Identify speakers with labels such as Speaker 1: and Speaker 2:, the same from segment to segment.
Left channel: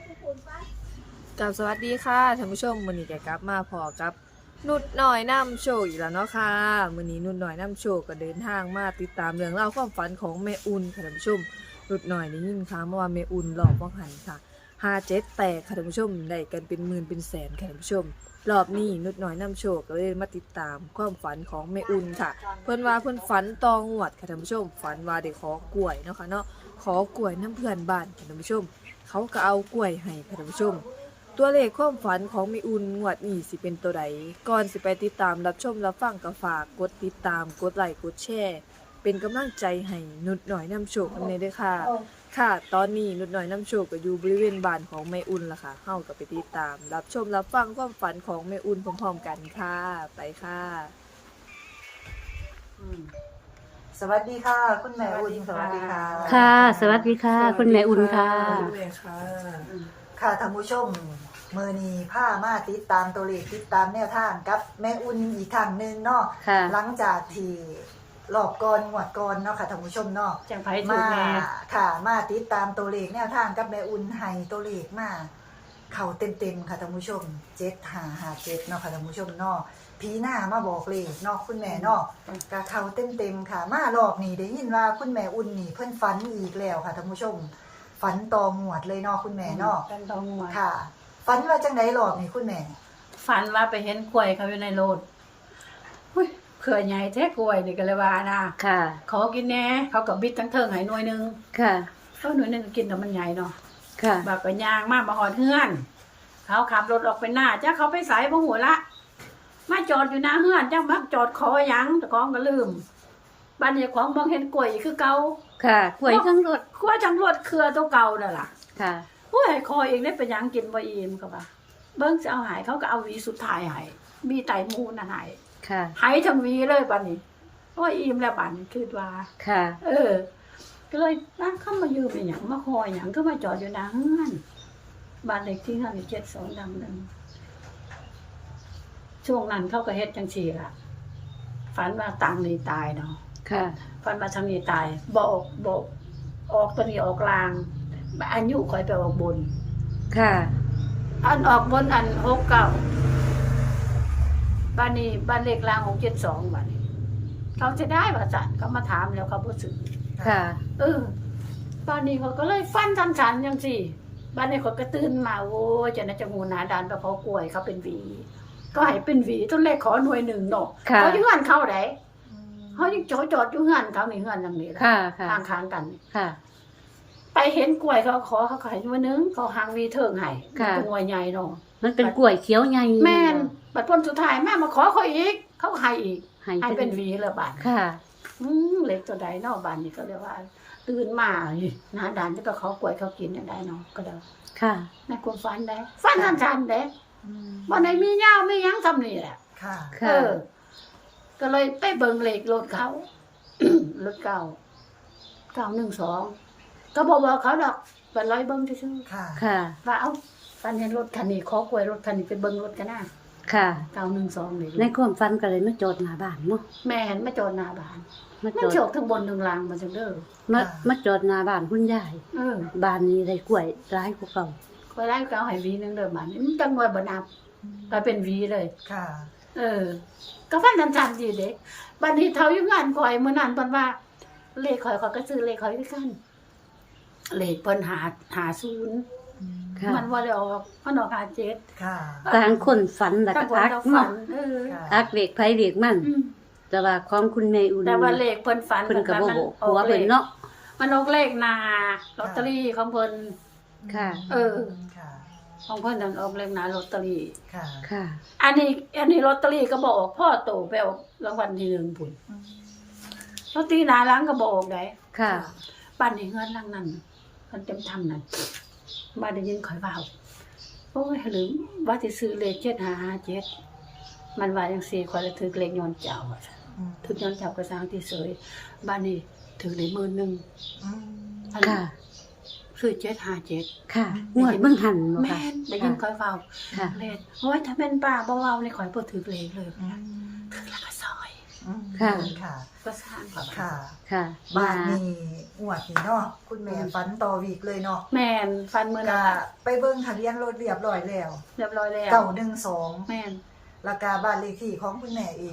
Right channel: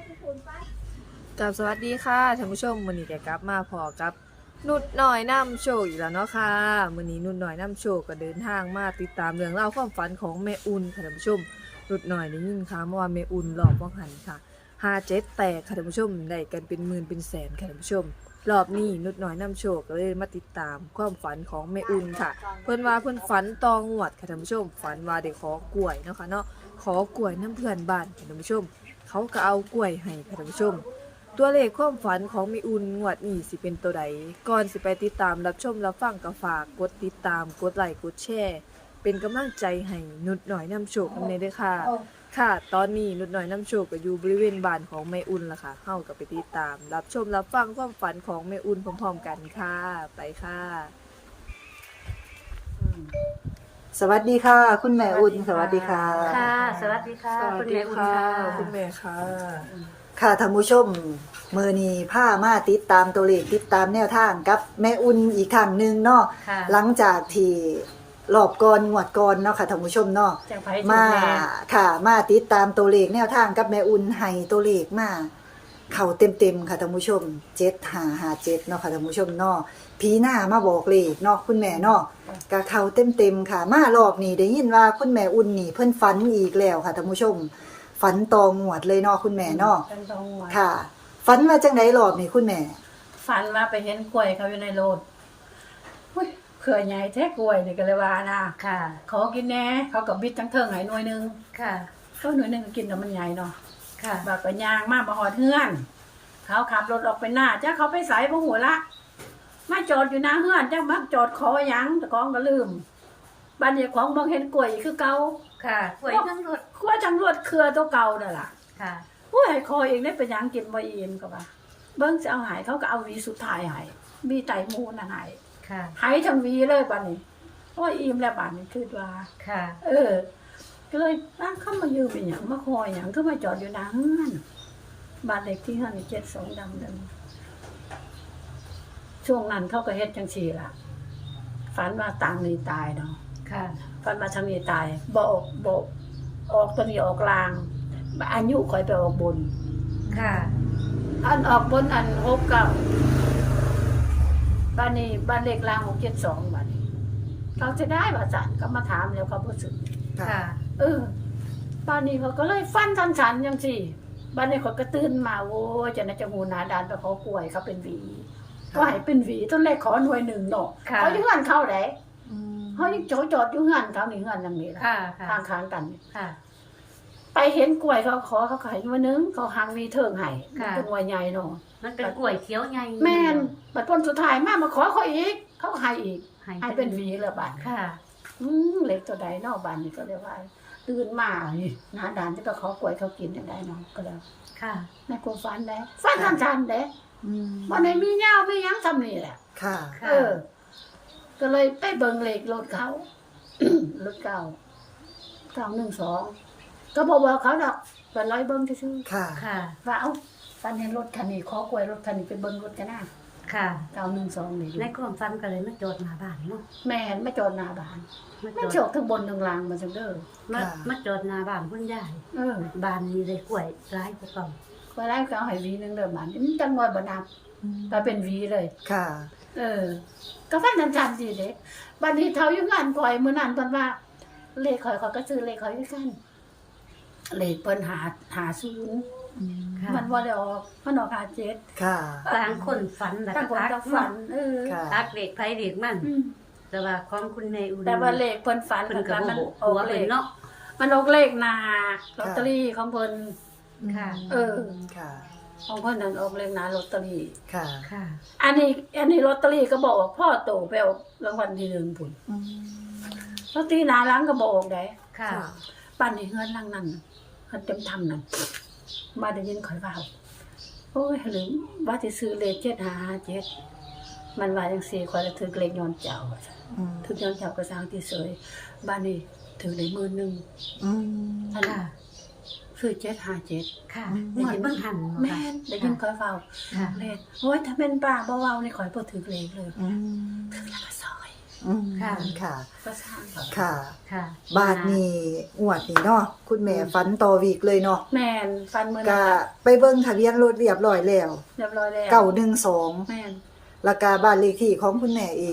Speaker 1: กับสวัสดีค่ะท่านผู้ชมมื้อนี้ก็กลับมาพอกับนุดหน่อยนำโชคอีกแล้วเนาะค่ะมื้อนี้นุดหน่อยนำโชคก็เดินทางมาติดตามเรื่องราวความฝันของแม่อุ่นค่ะท่านผู้ชมนุดหน่อยได้ยินข่าวมาว่าแม่อุ่นรอบบ่หันค่ะ57แตกค่ะท่านผู้ชมได้กันเป็นหมื่นเป็นแสนค่ะท่านผู้ชมรอบนี้นุดหน่อยนำโชคก็เลยมาติดตามความฝันของแม่อุ่นค่ะเพิ่นว่าเพิ่นฝันตองวดค่ะท่านผู้ชมฝันว่าได้ขอกล้วยเนาะค่ะเนาะขอกล้วยน้ำเพื่อนบ้านค่ะท่านผู้ชมเขาก็เอากล้วยให้ค่ะท่านผู้ชม ตัวเลขความฝันของมีอุ่นงวดนี้สิเป็นตัวใดก่อนสิไปติดตามรับชมรับฟังก็ฝากกดติดตามกดไลค์กดแชร์เป็นกำลังใจให้นุดหน่อยนำโชคนำเนยด้วยค่ะค่ะตอนนี้นุดหน่อยนำโชคก็อยู่บริเวณบ้านของแม่อุ่นล่ะค่ะเฮาก็ไปติดตามรับชมรับฟังความฝันของแม่อุ่นพร้อมๆกันค่ะไปค่ะ
Speaker 2: สวัสดีค่ะ คุณแม่อุ่นสวัสดีค่ะ
Speaker 3: ค่ะ สวัสดีค่ะ คุณแม่อุ่นค่ะ
Speaker 1: คุณแม่ค่ะ
Speaker 2: ค่ะท่านผู้ชมมื้อนี้พามาติดตามตัวเลขติดตามแนวทางกับแม่อุ่นอีกครั้งหนึงเนาะ
Speaker 3: ค่ะ
Speaker 2: หลังจากที่รอบก่อนงวดก่อนเนาะค่ะท่านผู้ชมเนาะ
Speaker 3: จังไผถูก
Speaker 2: มา
Speaker 3: แม่
Speaker 2: ค่ะ มาติดตามตัวเลขแนวทางกับแม่อุ่นให้ตัวเลขมาเข้าเต็มๆค่ะท่านผู้ชม7557เนาะค่ะท่านผู้ชมเนาะผีหน้ามาบอกเลขเนาะคุณแม่เนาะก็เข้าเต็มๆค่ะ มารอบนี้ได้ยินว่าคุณแม่อุ่นนี่เพิ่นฝันอีกแล้วค่ะท่านผู้ชมฝันตองหวดเลยเนาะคุณแม่เนาะ
Speaker 3: เป็นตองหัว
Speaker 2: ค่ะฝันว่าจังไดรอบนี่คุณแม่
Speaker 3: ฝันว่าไปเห็นกล้วยเขาอยู่ในโลดอุ้ยเขื่อใหญ่แท้กล้วยนี่ก็เลยว่านะ
Speaker 4: ค่ะ
Speaker 3: ขอกินแหน่เขากับบิดทั้งเทิงให้หน่วยหนึง
Speaker 4: ค่ะ
Speaker 3: หน่วยหนึงก็กินแล้วมันใหญ่เนาะ
Speaker 4: ค่ะ
Speaker 3: บากก็ย่างมาหอดเฮือนเขาขับรถออกไปหน้าจ้าเขาไปใส่บ่หัวละมาจอดอยู่หน้าเฮือนจ้ามักจอดขอหยังแต่ของก็ลืมบ้านนี้ของบ่เห็นกล้วยคือเก่า
Speaker 4: ค่ะหวยทั้งรถ
Speaker 3: กล้วยจังรวดเครือตัวเก่านั่นล่ะ
Speaker 4: ค่ะ
Speaker 3: ผู้ให้คอเองได้เป็นหยังกินบ่อิ่มก็ว่าเบิ่งสิเอาหายเขาก็เอาหวีสุดท้ายให้มีไตมูนั่นให้
Speaker 4: ค่ะ
Speaker 3: ให้ทั้งหวีเลยบัดนี้โอ้ยอิ่มแล้วบัดนี้คิดว่า
Speaker 4: ค่ะ
Speaker 3: ก็เลยเข้ามายืมอีหยังมาคอยหยังก็มาจอดอยู่หน้าเฮือนบ้านเลขที่เฮือนนี่72ดำนั่นช่วงนั้นเขาก็เฮ็ดจังซี่ล่ะฝันว่าต่างนี่ตายเนาะ
Speaker 4: ค่ะ
Speaker 3: ฝันว่าทางนี้ตายบ่ออกตัวนี้ออกลางอายุข่อยไปออกบน
Speaker 4: ค่ะ
Speaker 3: อันออกบนอัน69บ้านนี้บ้านเลขราง672บ้านนี้เขาจะได้ว่าจันก็มาถามแล้วเขาบ่สึก
Speaker 4: ค่ะ
Speaker 3: บ้านนี้เขาก็เลยฟันทันฉันจังซี่บ้านนี้เขาก็ตื่นมาโอ้ยจะน่าจะหูหนาดานไปเขากล้วยเขาเป็นหวีก็ให้เป็นหวีต้นแรกขอหน่วยหนึ่งเนาะ
Speaker 4: ค่ะ
Speaker 3: เขาอยู่เฮือนเขาได้เขายังจอดอยู่เฮือนเขานี่เฮือนจังนี้ล่ะ
Speaker 4: ค่ะ ค่ะ
Speaker 3: ข้างๆกันนี่
Speaker 4: ค่ะ
Speaker 3: ไปเห็นกล้วยเขาขอเขาให้หน่วยหนึงเขาหางหวีเทิงให้มัน
Speaker 4: ค่ะ
Speaker 3: เป็นหน่วยใหญ่เนาะ
Speaker 4: มันเป็นกล้วยเขียวใหญ่
Speaker 3: แม่นบัดพ้นสุดท้ายมาขอเขาอีกเขาก็ให้อีกให้เป็นหวีเลยบาด
Speaker 4: ค่ะ
Speaker 3: เล็กตัวใดเนาะบ้านนี้ก็เลยว่า ตื่นมานี่หน้าด่านที่ก็เขากล้วยเขากินอย่างใดเนาะก็เลย
Speaker 4: ค่ะ
Speaker 3: แม่กลัวฟันได้ฟันทันเด้บ่ได้มียาวมีหยังทำนี่แหละ
Speaker 2: ค่ะ
Speaker 4: ค่ะ
Speaker 3: ก็เลยไปเบิ่งเลขรถเขา รถเก่า912ก็บอกเขาดอกไปร้อยเบิ่งซื่อ
Speaker 2: ค่ะ
Speaker 4: ค่ะ
Speaker 3: ๆว่าเอ้าฟันเห็นรถคันนี้ขอกล้วยรถคันนี้ไปเบิ่งรถกันนะ
Speaker 4: ค่ะ
Speaker 3: 912นี่
Speaker 4: ในความฝันก็เลยมาจอดหน้าบ้านเนาะ
Speaker 3: แม่เห็นมาจอดหน้าบ้าน
Speaker 4: มา
Speaker 3: มัน
Speaker 4: จอด
Speaker 3: โชคทั้งบนทั้งล่างมันจังเด้อ
Speaker 4: มาจอดหน้าบ้านคุณยาย บ้านนี้ได้กล้วยร้ายกว่าเก่า
Speaker 3: ก็ไล่ก็เอาให้วีนึงเด้อบ้านนี้มันจังว่าบ่นับก็เป็นวีเลย
Speaker 2: ค่ะ
Speaker 3: ก็ฟันทันๆดีเด็กบัดนี้เท่าอยู่งานก่อยมื้อนั้นเพิ่นว่า เลขข่อยก็ซื้อเลขข่อยคือกันเลขเพิ่น50
Speaker 4: ค่ะ
Speaker 3: มันบ่ได้ออกมันออก57
Speaker 2: ค่ะ
Speaker 4: ต่างคนฝันแล้ว
Speaker 3: ต่างคน
Speaker 4: ก็
Speaker 3: เราฝัน
Speaker 2: ค่ะ
Speaker 4: ตักเด็กไผเด็กมัน
Speaker 3: อืม
Speaker 4: แต่ว่าความคุณแม่อุ่น
Speaker 3: แต่ว่าเลขเพิ่นฝัน
Speaker 4: เพิ่นก็
Speaker 3: ว่า
Speaker 4: บ่
Speaker 3: มัน
Speaker 4: บอก
Speaker 3: ออก
Speaker 4: หัว
Speaker 3: เล
Speaker 4: เพิ่น
Speaker 3: ข
Speaker 4: เนาะ
Speaker 3: มันออกเลขหน้าลอตเตอรี่ของเพิ่น
Speaker 4: ค่ะ
Speaker 2: ค่ะ
Speaker 3: ของเพิ่นนั่นออกเลขหน้าลอตเตอรี่
Speaker 2: ค่ะ
Speaker 4: ค่ะ
Speaker 3: อันนี้ลอตเตอรี่ก็บ่ออกพ่อโตไปออกรางวัลที่1พุ่นลอตเตอรี่หน้าหลังก็บ่ออกได้
Speaker 4: ค่ะ
Speaker 3: บ้านนี้เฮือนหลังนั้นเฮือนเต็มทำนั่นมาได้ยินข่อยว่าโอ้ยหรือว่าสิซื้อเลข7557มันว่าจังซี่ข่อยละถึกเลขย้อนเจ้าว่าซั่นถึกย้อนเจ้าก็สร้างที่เสยบ้านนี้ถึกได้10,000อัน
Speaker 4: ค่ะ
Speaker 3: คือ757
Speaker 4: ค่ะงวดเบิ่งหันบ่
Speaker 3: แม่
Speaker 4: ค่ะ
Speaker 3: นได้ยินข่อยเว้า
Speaker 4: ค่ะ
Speaker 3: เลขโอ้ยถ้าแม่นป้าบ่เว้านี่ข่อยบ่ถึกเลขเลยถึกแล้วก็ซอย
Speaker 2: อืม
Speaker 4: ค่ะ
Speaker 2: ค่ะ
Speaker 3: ก็สร้างเขา
Speaker 2: ค่ะ
Speaker 4: ค่ะ
Speaker 2: บ้านนี้งวดนี้เนาะคุณแม่ฝันต่อวีกเลยเนาะ
Speaker 3: แม่นฟันมื้อ
Speaker 2: ก็
Speaker 3: นั้นล่ะ
Speaker 2: ไปเบิ่งทะเบียนรถเรียบร้อยแล้ว
Speaker 3: เรียบร้อยแล้ว
Speaker 2: 912
Speaker 3: แม่น
Speaker 2: แล้วก็บ้านเลขที่ของคุณแม่เอง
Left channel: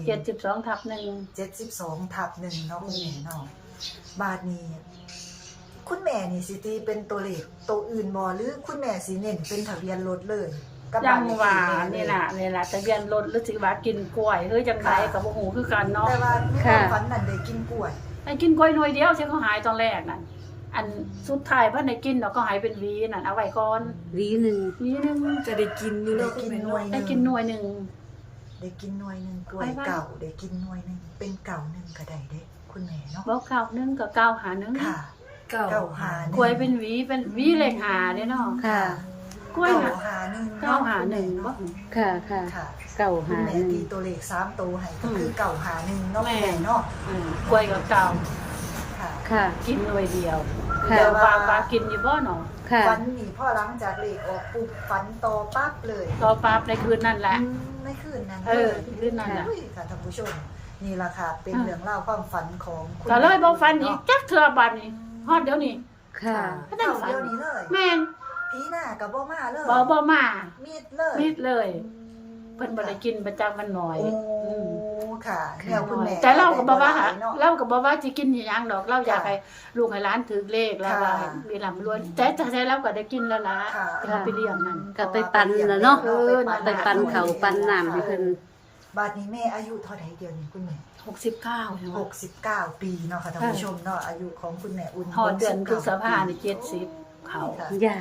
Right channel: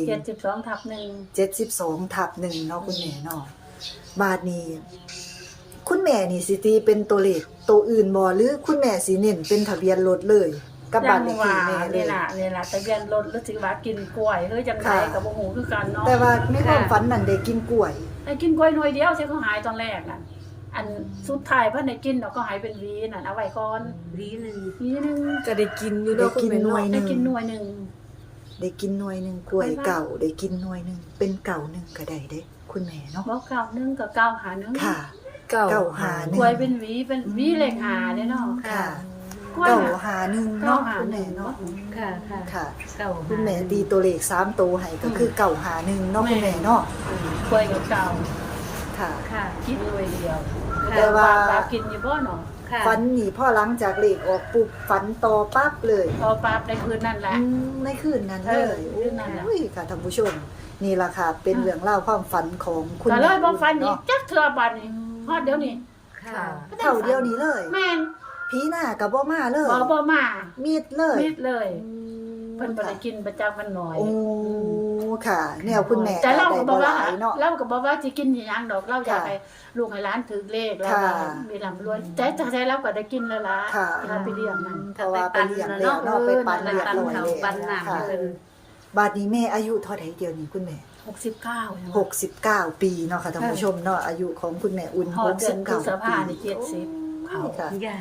Speaker 3: 72/1
Speaker 2: 72/1เนาะคุณแม่เนาะบ้านนี้ คุณแม่นี่สิตีเป็นตัวเลขตัวอื่นบ่หรือคุณแม่สิเน้นเป็นทะเบียนรถเลยกับ
Speaker 3: จั
Speaker 2: บ้าน
Speaker 3: ง
Speaker 2: เลข
Speaker 3: ว่า
Speaker 2: ที่แม่
Speaker 3: นี่ล่ะทะเบียนรถหรือสิว่ากินกล้วยหรือจังไดก็บ่ฮู้คือกันเนาะ
Speaker 2: แต่ว่าในความฝันนั่นได้กินกล้วย
Speaker 3: ไอ้กินกล้วยหน่วยเดียวใช่เขาหายตอนแรกนั่นอันสุดท้ายเพิ่นได้กินเนาะก็หายเป็นหวีนั่นเอาไว้ก่อน
Speaker 4: วีหนึ่ง
Speaker 3: หวีหนึง
Speaker 1: ก็ได้กินอยู่เนาะคุณแม่เนาะ
Speaker 3: ได้กินหน่วยหนึง
Speaker 2: ได้กินหน่วยหนึงกล้วย
Speaker 3: ไปบ้าน
Speaker 2: เก่าได้กินหน่วยหนึงเป็นเก่าหนึงก็ได้เด้คุณแม่เนาะ
Speaker 3: บ่เก่านึงก็เก่าหานึง
Speaker 2: ค่ะ
Speaker 1: เก้า
Speaker 2: เก่าหาหนึ่ง
Speaker 3: กล้วยเป็นหวีเลขหาเด้เนาะ
Speaker 4: ค่ะ
Speaker 3: กล้วยน่ะ
Speaker 2: เก่าหาหนึ่ง
Speaker 3: เก่าหาหนึ่งบ่
Speaker 4: ค่ะค่ะ
Speaker 2: ค่ะ
Speaker 4: เก่า
Speaker 2: คุณแม่ตีตัวเลข3ตัวให้ก็คือเก่าหาหนึ่งเนาะคุณแม่เนาะ
Speaker 3: กล้วยก็เก่า
Speaker 2: ค่ะ
Speaker 4: ค่ะ
Speaker 3: กินหน่วยเดียว
Speaker 4: ค่ะ
Speaker 3: แต่ว่ากินอยู่บ่เนาะ
Speaker 4: ค่ะ
Speaker 2: ฝันนี่พ่อหลังจากเลขออกปุ๊บฝันต่อปั๊บเลย
Speaker 3: ต่อปั๊บในคืนนั่นแหละ
Speaker 2: ในคืนนั้น
Speaker 3: เอ
Speaker 2: เล
Speaker 3: อย คืนนั้นล่ะ
Speaker 2: โอ้ยค่ะท่านผู้ชม นี่ล่ะค่ะ เป็นเรื่องเล่าวความฝันของคุณ
Speaker 3: ก็เลยบ่ฟันอีก
Speaker 2: เนาะ
Speaker 3: จักเทื่อบัดนี้ฮอดเดี๋ยวนี้
Speaker 4: ค่ะ
Speaker 2: เท่าเดียวนี้เลย
Speaker 3: แม่น
Speaker 2: ผีหน้ากับบ่มาเลย
Speaker 3: บ่มา
Speaker 2: มีดเลย
Speaker 3: มิดเลย เพิ่นบ่ได้กินประจักมันน้อย
Speaker 2: โอ้ค่ะ แนวคุณแม่
Speaker 3: แต่เราก็บ่ว่า
Speaker 2: ได้เนาะ
Speaker 3: เราก็บ่ว่าสิกินอีหยังดอกเราอยาก
Speaker 2: ค่ะ
Speaker 3: ให้ลูกให้หลานถือเลขแล้วก็
Speaker 2: ค่ะ
Speaker 3: มีร่ำรวยแต่เราก็ได้กินแล้วล่ะ
Speaker 2: ค่ะ
Speaker 3: ที่เขาไปเลี้ยงนั่น
Speaker 4: ก็ไปปั่นน่ะเนาะ
Speaker 2: เออไป
Speaker 3: นั่น
Speaker 4: ปั่นเขาปั่นน้ำให้เพิ่น
Speaker 2: บาดนี้แม่อายุเท่าไหร่เดียวนี่คุณแม่
Speaker 3: 69ใช่ไหม
Speaker 2: 69 ปีเนาะค่ะท่านผู้ชมเนาะอายุของคุณแม่อุ่น
Speaker 3: ฮอดเดือนพฤษภาคม
Speaker 2: ปี
Speaker 3: นี่70เขา
Speaker 2: ค่ะ
Speaker 4: อย่าง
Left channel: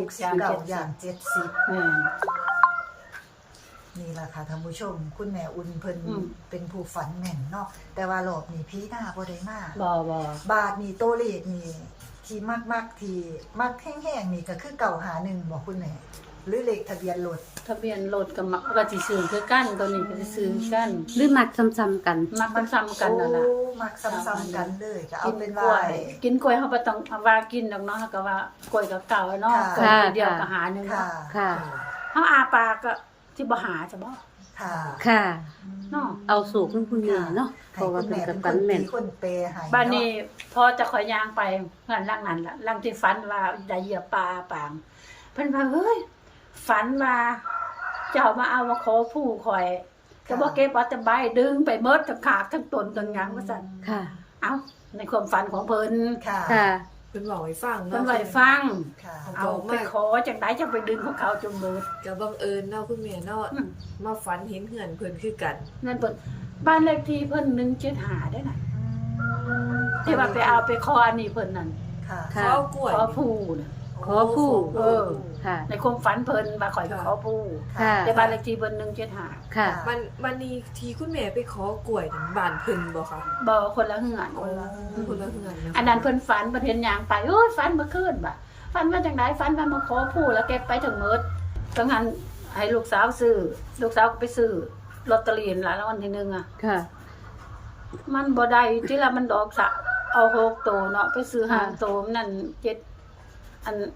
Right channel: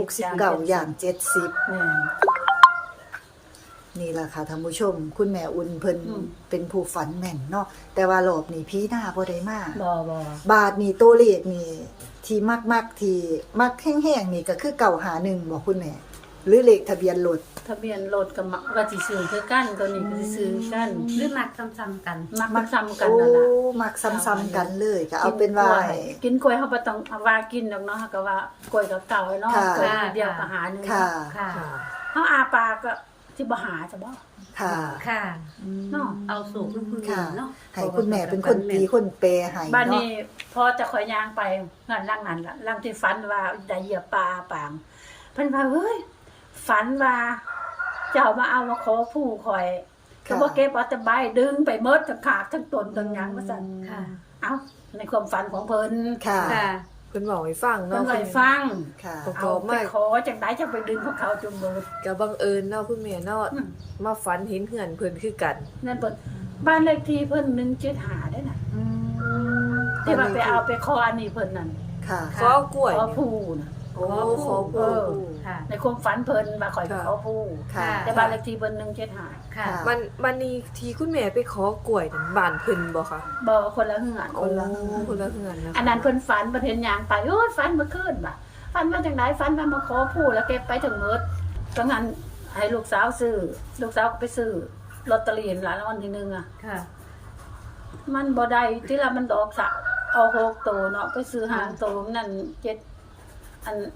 Speaker 2: 69อย่าง 70
Speaker 3: แม่น
Speaker 2: นี่แหละค่ะท่านผู้ชม คุณแม่อุ่นเพิ่น
Speaker 3: อืม
Speaker 2: เป็นผู้ฝันแม่นเนาะแต่ว่ารอบนี้พี่หน้าบ่ได้มา
Speaker 3: บ่
Speaker 2: บาทนี่ตัวเลขนี่ที่มักที่มักแห้งๆนี่ก็คือ951บ่คุณแม่หรือเลขทะเบียนรถ
Speaker 3: ทะเบียนรถก็สิซื้อคือกันตัวนี้ก็สิซื้อกัน
Speaker 4: หรือมักซ้ำๆกัน
Speaker 3: มักมันซ้ำกันนั่นล่ะ
Speaker 2: โอ้มักซ้ำๆกันเลยก็เอาเป็น
Speaker 3: กล้
Speaker 2: ว่า
Speaker 3: วยกินกล้วยเขาบ่ต้องเอาว่ากินดอกเนาะเขาก็ว่ากล้วยก็เก่าเนาะ
Speaker 2: ค่ะ
Speaker 3: กล้วยหน่วยเดียวก็หาหนึง
Speaker 2: ค่ะ
Speaker 3: เนาะ
Speaker 4: ค่ะ
Speaker 3: เฮาอาปากก็ที่บ่หาจะบ่
Speaker 2: ค่ะ
Speaker 4: ค่ะ
Speaker 3: เนาะ
Speaker 4: เอาสูตรของคุณแม่เนาะ
Speaker 2: ให้คุณแม่เป็นคนตีคนแปลให้
Speaker 3: บ้านนี้พอจะข่อยย่างไปเฮือนหลังนั้นล่ะหลังที่ฝันว่าได้เหยียบปลาปางเพิ่นว่าเฮ้ยฝันว่าเจ้ามาเอามาขอผู้ข่อยก็บ่เก็บเอาแต่ใบดึงไปหมดทั้งขาดทั้งต้นทั้งหยังว่าซั่น
Speaker 4: ค่ะ
Speaker 3: เอ้าในความฝันของเพิ่น
Speaker 2: ค่ะ
Speaker 4: ค่ะ
Speaker 1: เพิ่นบอกให้ฟัง
Speaker 3: เพิ่
Speaker 1: เนาะ
Speaker 3: นไว้ฟัง
Speaker 2: ค่ะ
Speaker 3: เอาไปขอจังไดจังไปดึงของเขาจนเบิด
Speaker 1: ก็บังเอิญเนาะคุณแม่เนาะ
Speaker 3: อืม
Speaker 1: มาฝันเห็นเหือนเพิ่นคือกัน
Speaker 3: นั่นเพิ่นบ้านเลขที่เพิ่น175ได้น่ะที่ว่าไปเอาไปขออันนี้เพิ่นนั่น
Speaker 2: ค่ะ
Speaker 1: ขอกล้วย
Speaker 3: ขอผู้น่ะ
Speaker 1: โอ้
Speaker 4: ขอผู้
Speaker 3: เออ
Speaker 4: ค่ะ
Speaker 3: ในความฝันเพิ่นว่าข่อยไปขอผู้
Speaker 2: ค่ะ
Speaker 3: แต่บ้านเลขที่เพิ่น175
Speaker 4: ค่ะ
Speaker 1: มันนี่ที่คุณแม่ไปขอกล้วยนั่นบ้านเพิ่นบ่คะ
Speaker 3: บ่คนละเฮือน
Speaker 1: โอ้คนละเหือนนะคะ
Speaker 3: อันนั้นเพิ่นฝันเพิ่นเห็นหยังไปโอ้ยฝันเมื่อคืนบ่ะฝันว่าจังไดฝันว่ามาขอผู้แล้วเก็บไปถึงหมดจังหันให้ลูกสาวซื้อลูกสาวก็ไปซื้อลอตเตอรี่หลายรางวัลที่1อ่ะ
Speaker 4: ค่ะ
Speaker 3: มันบ่ได้ที่ละมันดอกสะเอา6โตเนาะไปซื้อหางโตมันนั่น7อัน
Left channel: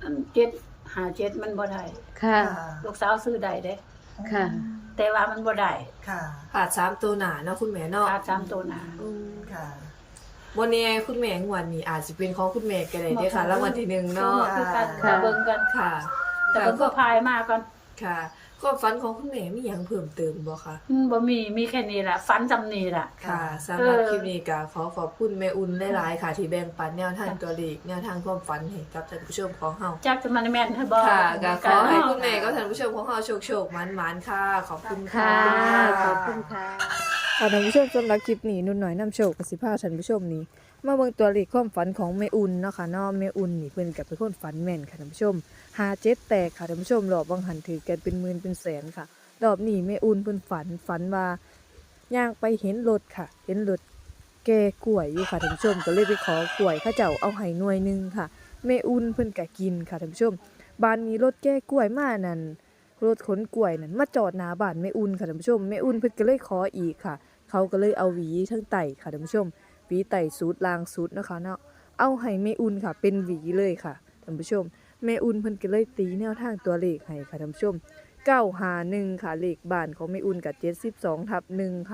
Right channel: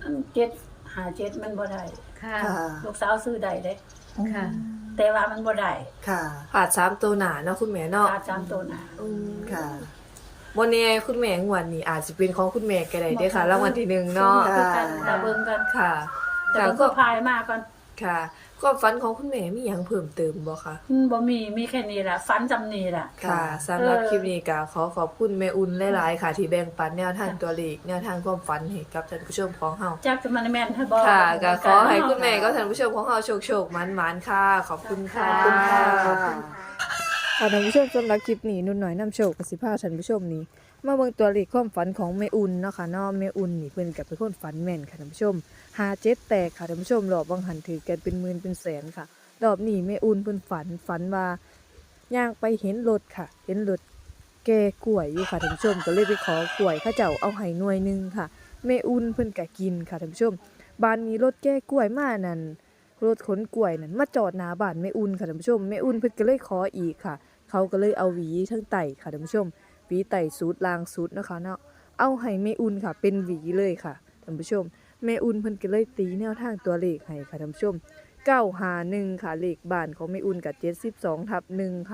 Speaker 3: 7 5 7มันบ่ได้
Speaker 4: ค่ะ
Speaker 3: ลูกสาวซื้อได้เด้
Speaker 4: ค่ะ
Speaker 3: แต่ว่ามันบ่ได้
Speaker 2: ค่ะ
Speaker 1: ผ่า3ตัวหน้าเนาะคุณแม่เนาะ
Speaker 3: ขาด3โตหน้า
Speaker 1: อืม
Speaker 2: ค่ะ
Speaker 1: บ่แน่คุณแม่งวดนี้อาจสิเป็นของคุณแม่ก็ได้เด้อค่ะรางวัลที่1เนาะ
Speaker 3: คือกันแต่เบิ่งกัน
Speaker 1: ค่ะ
Speaker 3: แต่เบิ่งก็พายมาก่อน
Speaker 1: ค่ะความฝันของคุณแม่มีหยังเพิ่มเติมบ่คะ
Speaker 3: บ่มีแค่นี้ล่ะฝันจำนี้ล่ะ
Speaker 1: ค่ะสำหรับ
Speaker 3: เออ
Speaker 1: คลิปนี้ก็ขอขอบคุณแม่อุ่นหลายๆค่ะ ที่แบ่งปันแนวทางตัวเลขแนวทางความฝันให้กับท่านผู้ชมของเฮา
Speaker 3: จักจะมันแม่นให้บ่
Speaker 1: ค่ะก็ขอให้คุณแม่ก็ท่านผู้ชมของเฮาโชคๆหมานๆค่ะ ขอบคุณค่ะ
Speaker 4: ค่ะขอบคุณค่ะ
Speaker 1: ค่ะท่านผู้ชมสำหรับคลิปนี้นุ่นหน่อยนำโชคกับสิพาท่านผู้ชมนี้มาเบิ่งตัวเลขความฝันของแม่อุ่นเนาะค่ะเนาะแม่อุ่นนี่เพิ่นก็เป็นคนฝันแม่นค่ะท่านผู้ชม57แตกค่ะท่านผู้ชมรอบบางหันถือกันเป็นหมื่นเป็นแสนค่ะรอบนี้แม่อุ่นเพิ่นฝันว่าย่างไปเห็นรถค่ะ เห็นรถแก่กล้วยอยู่ค่ะท่านผู้ชมก็เลยไปขอกล้วยเขาเจ้าเอาให้หน่วยหนึงค่ะแม่อุ่นเพิ่นก็กินค่ะท่านผู้ชมบ้านนี้รถแก่กล้วยมานั่นรถขนกล้วยนั่นมาจอดหน้าบ้านแม่อุ่นค่ะท่านผู้ชมแม่อุ่นเพิ่นก็เลยขออีกค่ะ เขาก็เลยเอาหวีทั้งไต่ค่ะท่านผู้ชมหวีไต่สูตรลางสูตรนะคะเนาะเอาให้แม่อุ่นค่ะ เป็นหวีเลยค่ะท่านผู้ชมแม่อุ่นเพิ่นก็เลยตีแนวทางตัวเลขให้ค่ะท่านผู้ชม951ค่ะเลขบ้านของแม่อุ่นกับ72/1ค่ะ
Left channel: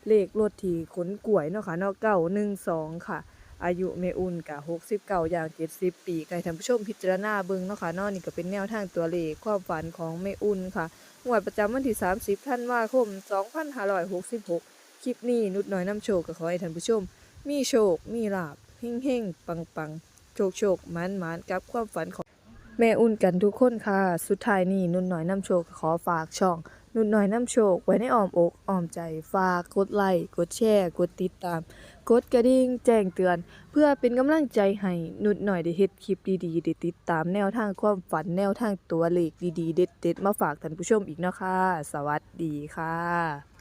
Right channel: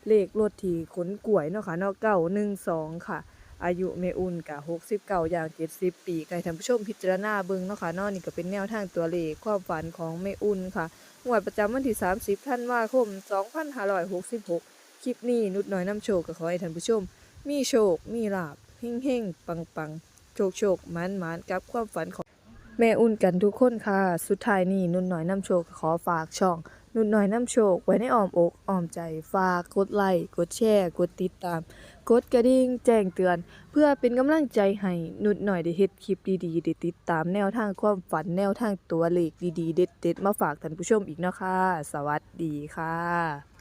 Speaker 1: เลขรถที่ขนกล้วยเนาะค่ะเนาะ912ค่ะอายุแม่อุ่นก็69ย่าง70ปีก็ให้ท่านผู้ชมพิจารณาเบิ่งเนาะค่ะเนาะนี่ก็เป็นแนวทางตัวเลขความฝันของแม่อุ่นค่ะงวดประจำวันที่30ธันวาคม2566คลิปนี้นุชน้อยนำโชคก็ขอให้ท่านผู้ชมมีโชคมีลาภเฮงๆปังๆโชคๆหมานๆกับความฝันของแม่อุ่นกันทุกคนค่ะสุดท้ายนี้นุชน้อยนำโชคก็ขอฝากช่องนุชน้อยนำโชคไว้ในอ้อมอกอ้อมใจฝากกดไลค์กดแชร์กดติดตามกดกระดิ่งแจ้งเตือนเพื่อเป็นกำลังใจให้นุชน้อยได้เฮ็ดคลิปดีๆได้ติดตามแนวทางความฝันแนวทางตัวเลขดีๆเด็ดๆมาฝากท่านผู้ชมอีกเนาะค่ะสวัสดีค่ะ